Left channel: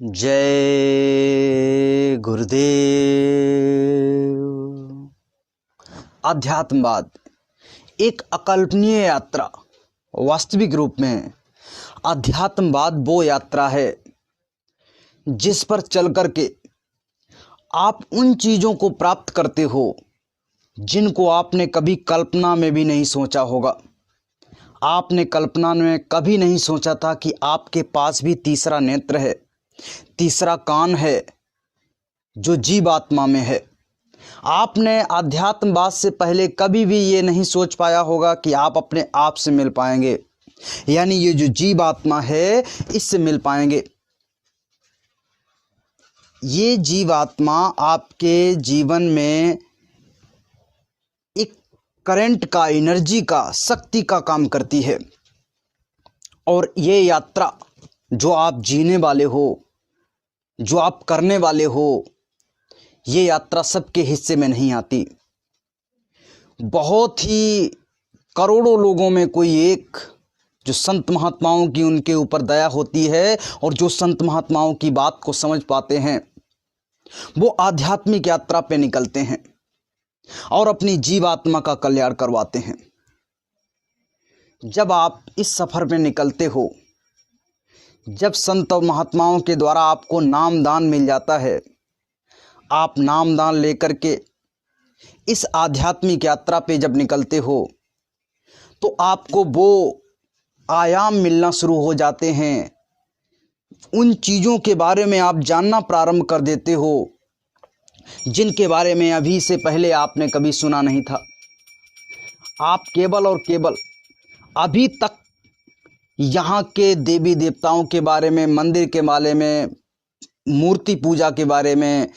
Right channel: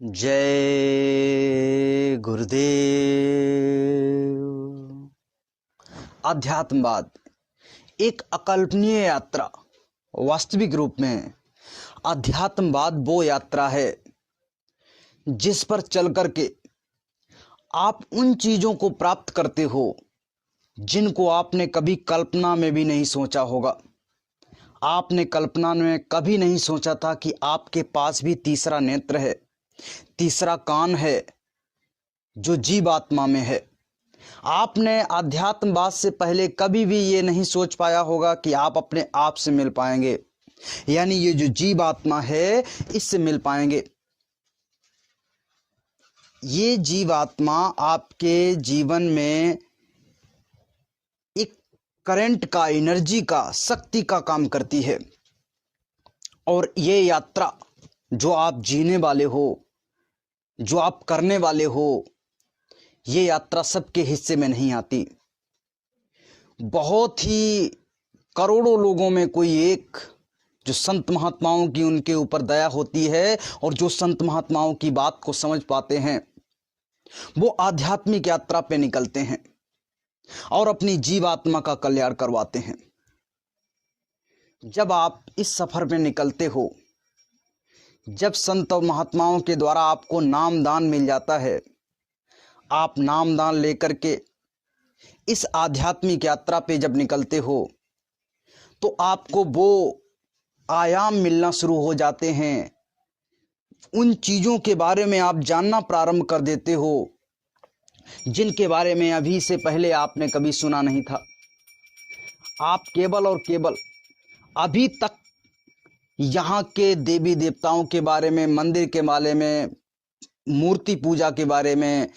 जय गुरुदेव। अध्यात्मवाद एक अकल्पनीय यात्रा। वास्तविक रूप में अध्यात्मवाद वो यात्रा है जिस पर चल करके आप उन चीजों को प्राप्त करते हो जिनको आपने कभी कल्पना में भी नहीं सोचा होगा। आपने कल्पना में कभी नहीं सोचा था कि आपके पास भी तीसरा नेत्र है, तीसरा कान है जो जीवात्मा में है। आपने अध्यात्मवाद से पहले कभी भी ये नहीं सोच पाया होगा कि आप अपने आप से मिल पाएंगे, यानी ये जो जीवात्मा है इससे मिल पाएंगे। ये जीवात्मा आपके जीवन में एक करंट का, एनर्जी का, शक्ति का काम करती है। और ये यात्रा जो आप जीने वाले हो, जो आप करने वाले हो, ये यात्रा सबके हिस्से में नहीं आती। बहुत ही करोड़ों लोगों में कोई एक जो संत महात्माओं की उनके ऊपर दया होती है और जो संत महात्माओं की बात को समझ पाते हैं, वो आध्यात्मिक यात्रा पे निकलते हैं और अपनी जीवात्मा का कल्याण करवाते हैं। जब आप इस सफर में निकलते हो, जब संत और महात्माओं के द्वारा आपको नामदान मिल जाता है, आप नामदान लेकर के इस आध्यात्मिक यात्रा पे जब निकलते हो तो आपको वो आयाम मिलना शुरू हो जाते हैं। उन चीज़ों के बारे में आप जानना प्रारंभ कर देते हो जिनके बारे में अभी से पहले आपने कभी सुना नहीं था। आप केवल और केवल अभी तक यहाँ के देवी देवताओं के बारे में, मंदिर के बारे में, मूर्ति पूजा के बारे में,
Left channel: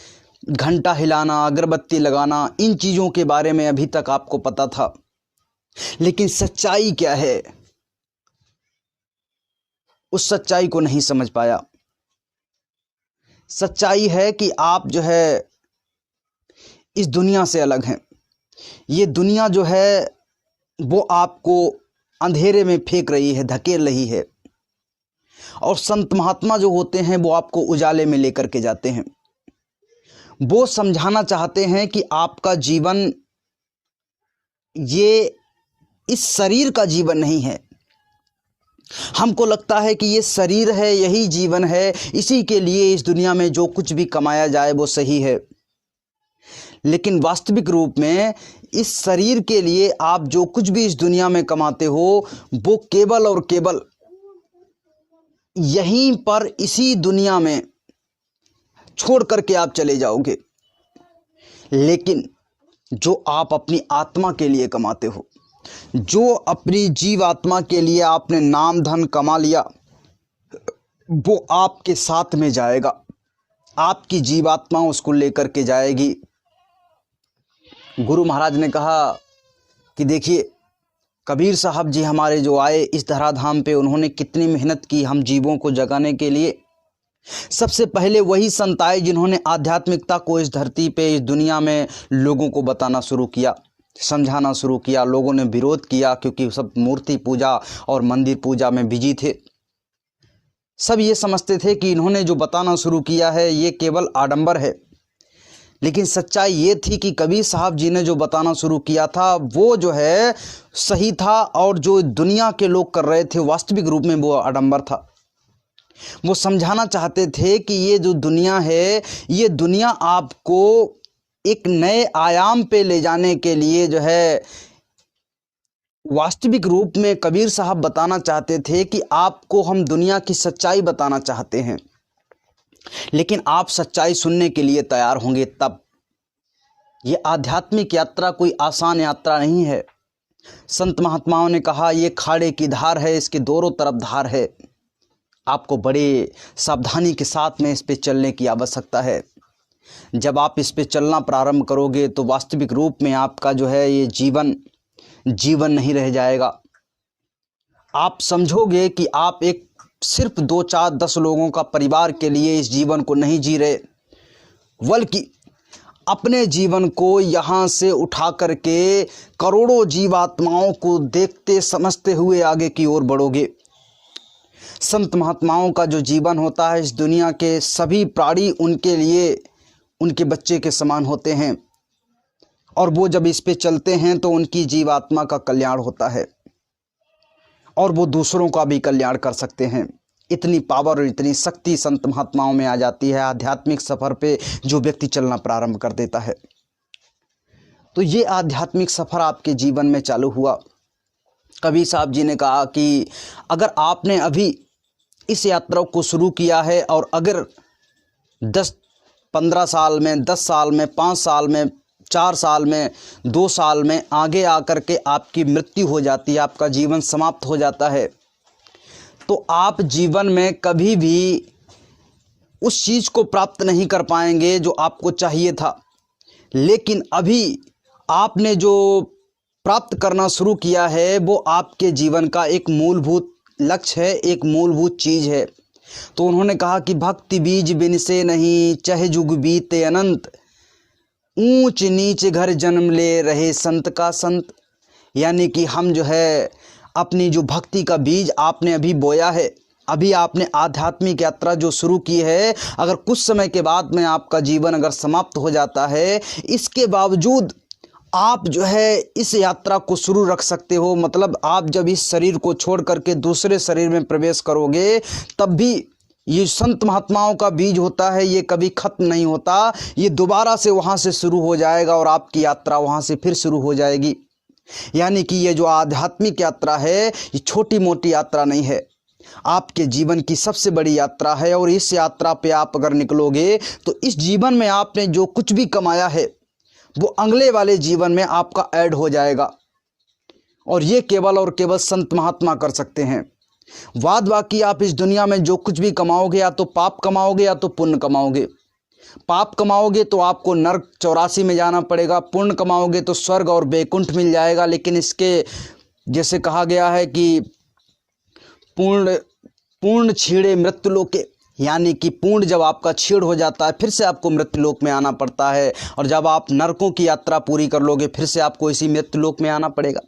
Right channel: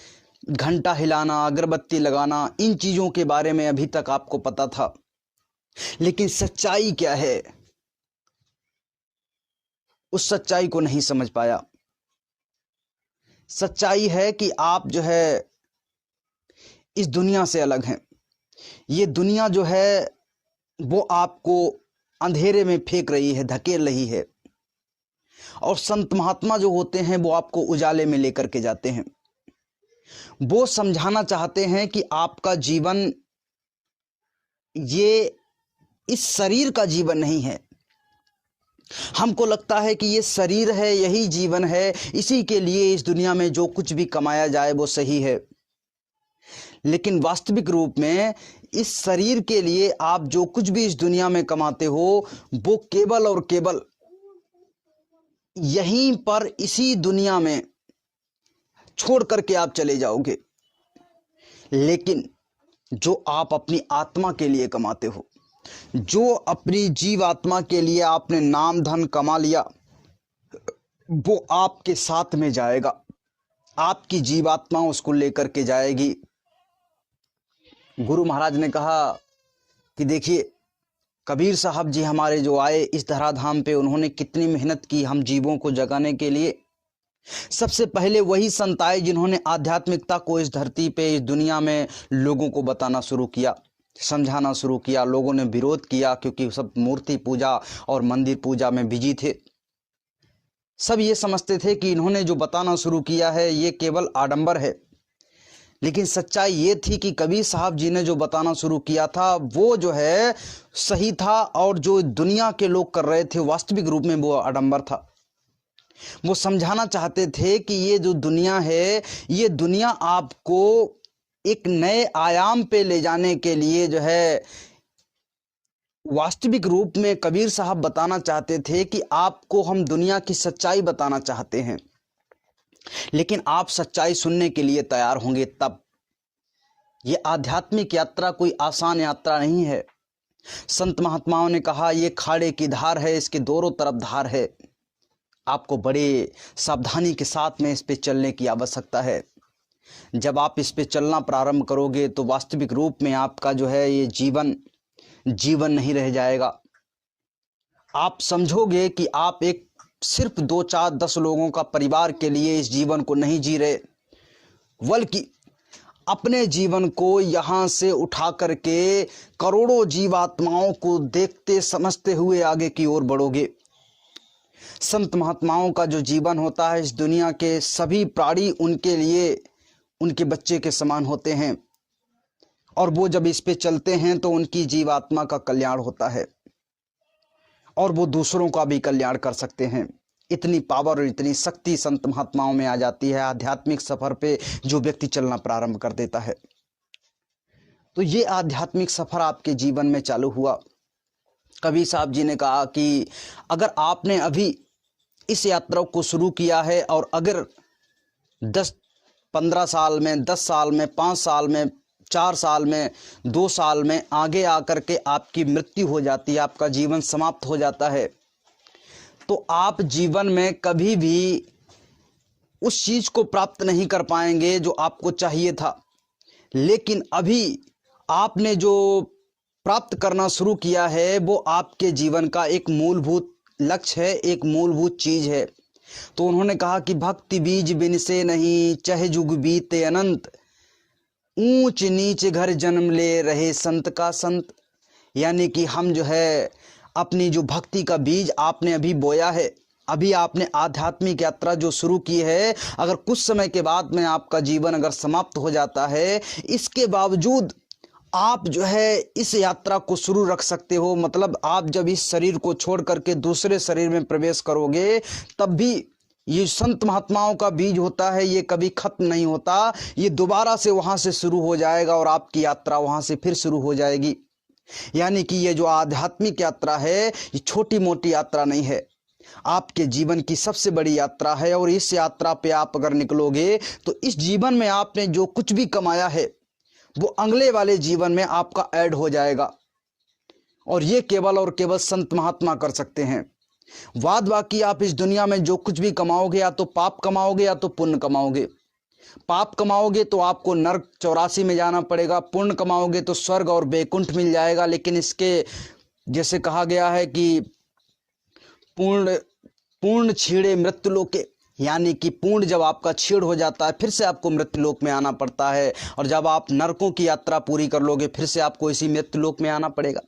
घंटा हिलाना, अगरबत्ती लगाना, इन चीज़ों के बारे में अभी तक आपको पता था। लेकिन सच्चाई क्या है, उस सच्चाई को नहीं समझ पाया। सच्चाई है कि आप जो है इस दुनिया से अलग हैं। ये दुनिया जो है वो आपको अंधेरे में फेंक रही है, धकेल रही है। और संत महात्मा जो होते हैं वो आपको उजाले में लेकर के जाते हैं। वो समझाना चाहते हैं कि आपका जीवन ये इस शरीर का जीवन नहीं है। हमको लगता है कि ये शरीर है, यही जीवन है, इसी के लिए इस दुनिया में जो कुछ भी कमाया जाए वो सही है। लेकिन वास्तविक रूप में इस शरीर के लिए आप जो कुछ भी इस दुनिया में कमाते हो वो केवल और केवल यहीं पर, इसी दुनिया में छोड़ करके आप चले जाओगे। लेकिन जो आप अपनी आत्मा के लिए कमाते हो, जो अपनी जीवात्मा के लिए आपने नाम धन कमा लिया, वो आपके साथ में जाएगा। आपकी जीवात्मा उसको लेकर के जाएगी। गुरु महाराज ने कहा कि देखिए, कबीर साहब जी हमारे जो आए इस धराधाम पे, उन्होंने कितनी मेहनत की हम जीवों को जगाने के लिए। सबसे पहले वही संत आए जिन्होंने आध्यात्मिकता को इस धरती पे, इस दुनिया में लोगों को बताना शुरू किया, समझाना शुरू किया। लोगों ने विरोध किया क्योंकि सब मूर्ति पूजा और मंदिर पूजा में बिजी थे। सब ये समझते थे कि इन्होंने जो बताना शुरू किया है ये केवल आडंबर है। लेकिन सच्चाई ये थी कि कबीर साहब जी ने जो बताना शुरू किया था वो जो है सही था, और जो दुनिया के लोग कर रहे थे वास्तविक रूप में वो आडंबर था। वो समझाना चाहते थे कि ये जो दुनिया है, ये दुनिया आपको एक नए आयाम पे ले जाने के लिए जो है, वास्तविक रूप में कबीर साहब बताना चाहते थे कि आपको हम दुनिया की सच्चाई बताना चाहते हैं, लेकिन आप सच्चाई सुनने के लिए तैयार होंगे तब। ये आध्यात्मिक यात्रा कोई आसान यात्रा नहीं है। संत महात्माओं ने कहा ये खाड़े की धार है, इसके दोनों तरफ धार है। आपको बड़े सावधानी के साथ में इस पे चलने की आवश्यकता है। जब आप इस पे चलना प्रारंभ करोगे तो वास्तविक रूप में आपका जो है ये जीवन नहीं रह जाएगा। आप समझोगे कि आप एक सिर्फ 2, 4, 10 लोगों का परिवार के लिए इस जीवन को नहीं जी रहे, बल्कि अपने जीवन को यहाँ से उठा करके करोड़ों जीवात्माओं को देखते समझते हुए आगे की ओर बढ़ोगे। संत महात्माओं का जो जीवन होता है, इस दुनिया के सभी प्राणी उनके लिए उनके बच्चे के समान होते हैं, और वो जब इस पे चलते हैं तो उनकी जीवात्मा का कल्याण होता है और वो दूसरों का भी कल्याण कर सकते हैं। इतनी पावर और इतनी शक्ति संत महात्माओं में आ जाती है आध्यात्मिक सफ़र पे जो व्यक्ति चलना प्रारंभ कर देता है। तो ये आध्यात्मिक सफ़र आपके जीवन में चालू हुआ। कबीर साहब जी ने कहा कि अगर आपने अभी इस यात्रा को शुरू किया है और अगर 10-15 साल में, 10 साल में, 5 साल में, 4 साल में, 2 साल में आगे आकर के आपकी मृत्यु हो जाती है, आपका जीवन समाप्त हो जाता है, तो आप जीवन में कभी भी उस चीज़ को प्राप्त नहीं कर पाएंगे जो आपको चाहिए था। लेकिन अभी आपने जो प्राप्त करना शुरू किया है वो आपके जीवन का एक मूलभूत लक्ष्य है, एक मूलभूत चीज़ है। तो उन्होंने कहा कि भक्ति बीज बिन से नहीं, चाहे जुग बीते अनंत, ऊंच नीच घर जन्म ले रहे संत का संत। यानी कि हम जो है अपनी जो भक्ति का बीज आपने अभी बोया है, अभी आपने आध्यात्मिक यात्रा जो शुरू की है, अगर कुछ समय के बाद में आपका जीवन अगर समाप्त हो जाता है, इसके बावजूद आप जो है इस यात्रा को शुरू रख सकते हो। मतलब आप जब इस शरीर को छोड़ करके दूसरे शरीर में प्रवेश करोगे तब भी ये संत महात्माओं का बीज होता है, ये कभी खत्म नहीं होता, ये दोबारा से वहाँ से शुरू हो जाएगा और आपकी यात्रा वहाँ से फिर शुरू हो जाएगी। यानी कि ये जो आध्यात्मिक यात्रा है ये छोटी मोटी यात्रा नहीं है, आपके जीवन की सबसे बड़ी यात्रा है। और इस यात्रा पे आप अगर निकलोगे तो इस जीवन में आपने जो कुछ भी कमाया है वो अगले वाले जीवन में आपका ऐड हो जाएगा। और ये केवल और केवल संत महात्मा कर सकते हैं। वाद बाकी आप इस दुनिया में जो कुछ भी कमाओगे, या तो पाप कमाओगे या तो पुण्य कमाओगे। पाप कमाओगे तो आपको नरक 84 में जाना पड़ेगा, पुण्य कमाओगे तो स्वर्ग और वैकुंठ मिल जाएगा। लेकिन इसके जैसे कहा गया है कि पूर्ण छीड़े मृत्युलोके, यानी कि पूर्ण जब आपका छीड़ हो जाता है फिर से आपको मृत्युलोक में आना पड़ता है, और जब आप नरकों की यात्रा पूरी कर लोगे फिर से आपको इसी मृत्युलोक में आना पड़ेगा।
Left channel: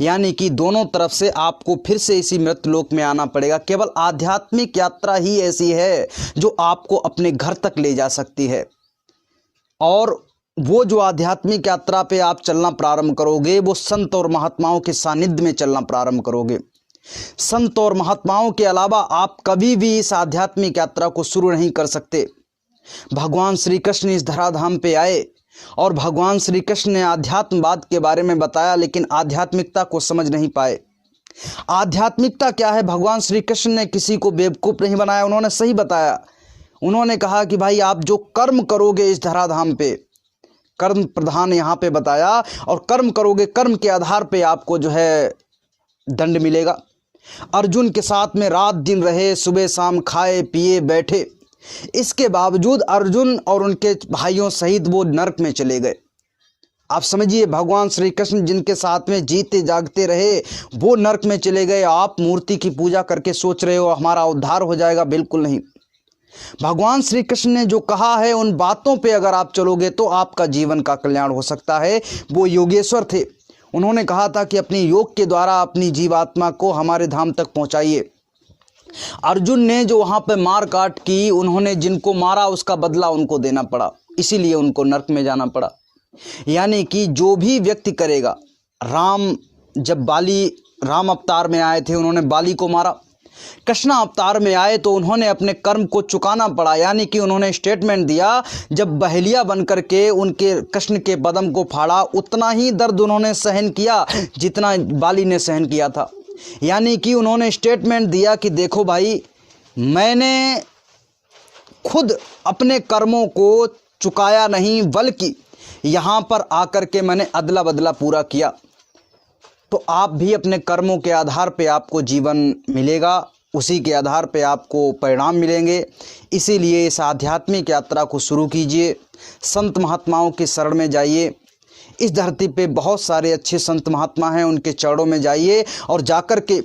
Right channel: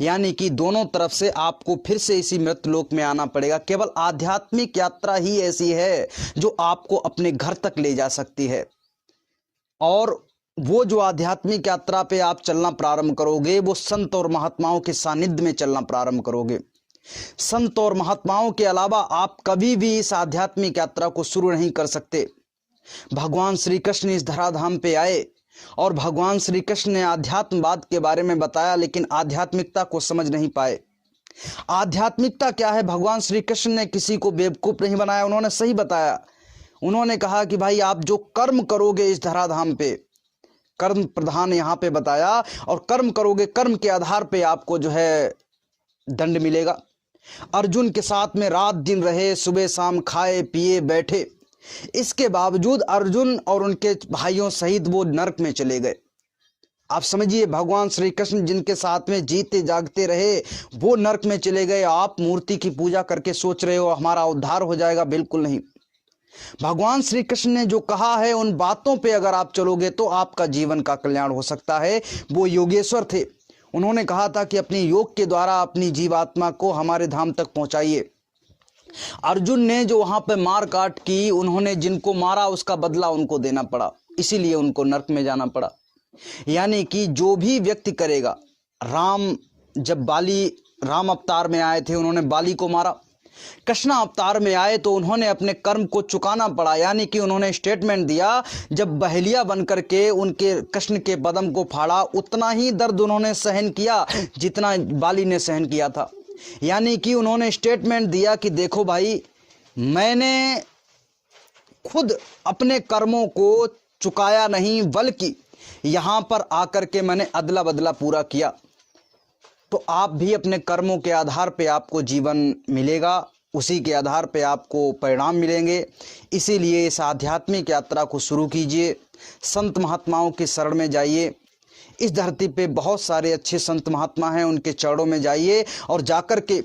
यानी कि दोनों तरफ से आपको फिर से इसी मृत्युलोक में आना पड़ेगा। केवल आध्यात्मिक यात्रा ही ऐसी है जो आपको अपने घर तक ले जा सकती है। और वो जो आध्यात्मिक यात्रा पे आप चलना प्रारंभ करोगे वो संत और महात्माओं के सानिध्य में चलना प्रारंभ करोगे। संत और महात्माओं के अलावा आप कभी भी इस आध्यात्मिक यात्रा को शुरू नहीं कर सकते। भगवान श्री कृष्ण इस धराधाम पे आए और भगवान श्री कृष्ण ने आध्यात्मवाद के बारे में बताया, लेकिन आध्यात्मिकता को समझ नहीं पाए। आध्यात्मिकता क्या है? भगवान श्री कृष्ण ने किसी को बेवकूफ़ नहीं बनाया, उन्होंने सही बताया। उन्होंने कहा कि भाई आप जो कर्म करोगे इस धराधाम पे, कर्म प्रधान यहाँ पे बताया, और कर्म करोगे, कर्म के आधार पे आपको जो है दंड मिलेगा। अर्जुन के साथ में रात दिन रहे, सुबह शाम खाए पिए बैठे, इसके बावजूद अर्जुन और उनके भाइयों सहित वो नरक में चले गए। आप समझिए, भगवान श्री कृष्ण जिनके साथ में जीते जागते रहे वो नरक में चले गए। आप मूर्ति की पूजा करके सोच रहे हो हमारा उद्धार हो जाएगा, बिल्कुल नहीं। भगवान श्री कृष्ण ने जो कहा है उन बातों पे अगर आप चलोगे तो आपका जीवन का कल्याण हो सकता है। वो योगेश्वर थे, उन्होंने कहा था कि अपने योग के द्वारा अपनी जीवात्मा को हमारे धाम तक पहुंचाइए। अर्जुन ने जो वहां पे मार काट की, उन्होंने जिनको मारा उसका बदला उनको देना पड़ा, इसीलिए उनको नरक में जाना पड़ा। यानी कि जो भी व्यक्ति करेगा, जब राम अवतार में आए थे उन्होंने बाली को मारा, कृष्ण अवतार में आए तो उन्होंने अपने कर्म को चुकाना पड़ा। यानी कि उन्होंने स्टेटमेंट दिया, जब बहेलिया बन करके उनके कृष्ण के बदन को फाड़ा उतना ही दर्द उन्होंने सहन किया जितना बाली ने सहन किया था। यानी कि उन्होंने स्टेटमेंट दिया कि देखो भाई, मैंने खुद अपने कर्मों को चुकाया नहीं, बल्कि यहाँ पर आकर के मैंने अदला बदला पूरा किया। तो आप भी अपने कर्मों के आधार पे आपको जीवन मिलेगा, उसी के आधार पे आपको परिणाम मिलेंगे। इसीलिए इस आध्यात्मिक यात्रा को शुरू कीजिए, संत महात्माओं के शरण में जाइए। इस धरती पे बहुत सारे अच्छे संत महात्मा हैं, उनके चरणों में जाइए और जाकर के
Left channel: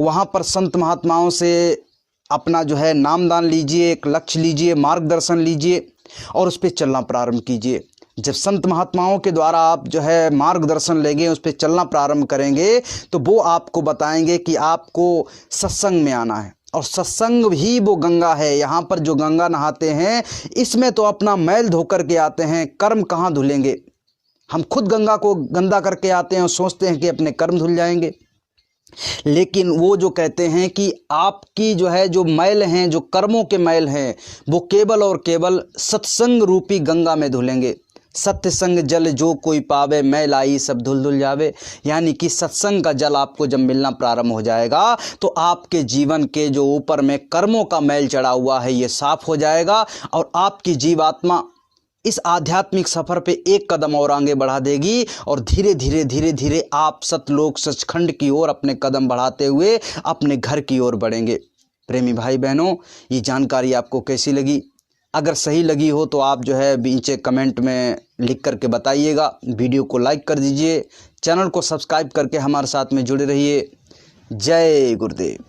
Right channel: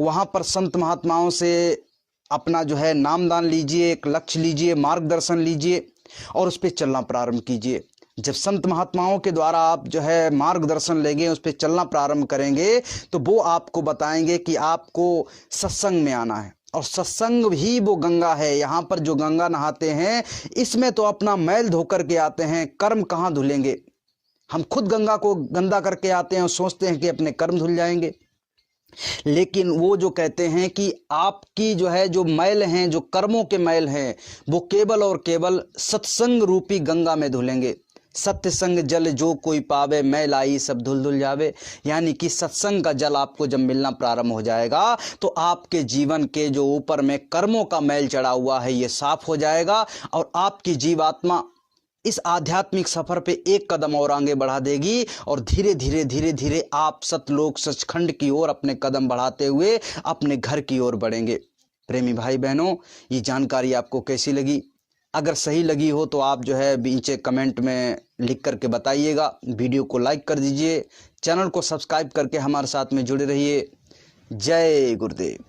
वहाँ पर संत महात्माओं से अपना जो है नामदान लीजिए, एक लक्ष्य लीजिए, मार्गदर्शन लीजिए और उस पर चलना प्रारंभ कीजिए। जब संत महात्माओं के द्वारा आप जो है मार्गदर्शन लेंगे, उस पर चलना प्रारंभ करेंगे, तो वो आपको बताएंगे कि आपको सत्संग में आना है, और सत्संग भी वो गंगा है। यहाँ पर जो गंगा नहाते हैं इसमें तो अपना मैल धोकर के आते हैं, कर्म कहाँ धुलेंगे। हम खुद गंगा को गंदा करके आते हैं और सोचते हैं कि अपने कर्म धुल जाएंगे। लेकिन वो जो कहते हैं कि आपकी जो है जो मैल हैं, जो कर्मों के मैल हैं, वो केवल और केवल सत्संग रूपी गंगा में धुलेंगे। सत्य संग जल जो कोई पावे, मैल आई सब धुल धुल जावे। यानी कि सत्संग का जल आपको जब मिलना प्रारंभ हो जाएगा तो आपके जीवन के जो ऊपर में कर्मों का मैल चढ़ा हुआ है ये साफ हो जाएगा और आपकी जीवात्मा इस आध्यात्मिक सफर पे एक कदम और आगे बढ़ा देगी और धीरे धीरे आप सतलोक सचखंड की ओर अपने कदम बढ़ाते हुए अपने घर की ओर बढ़ेंगे। प्रेमी भाई बहनों, ये जानकारी आपको कैसी लगी? अगर सही लगी हो तो आप जो है नीचे कमेंट में लिख करके बताइएगा। वीडियो को लाइक कर दीजिए, चैनल को सब्सक्राइब करके हमारे साथ में जुड़े रहिए। जय गुरुदेव।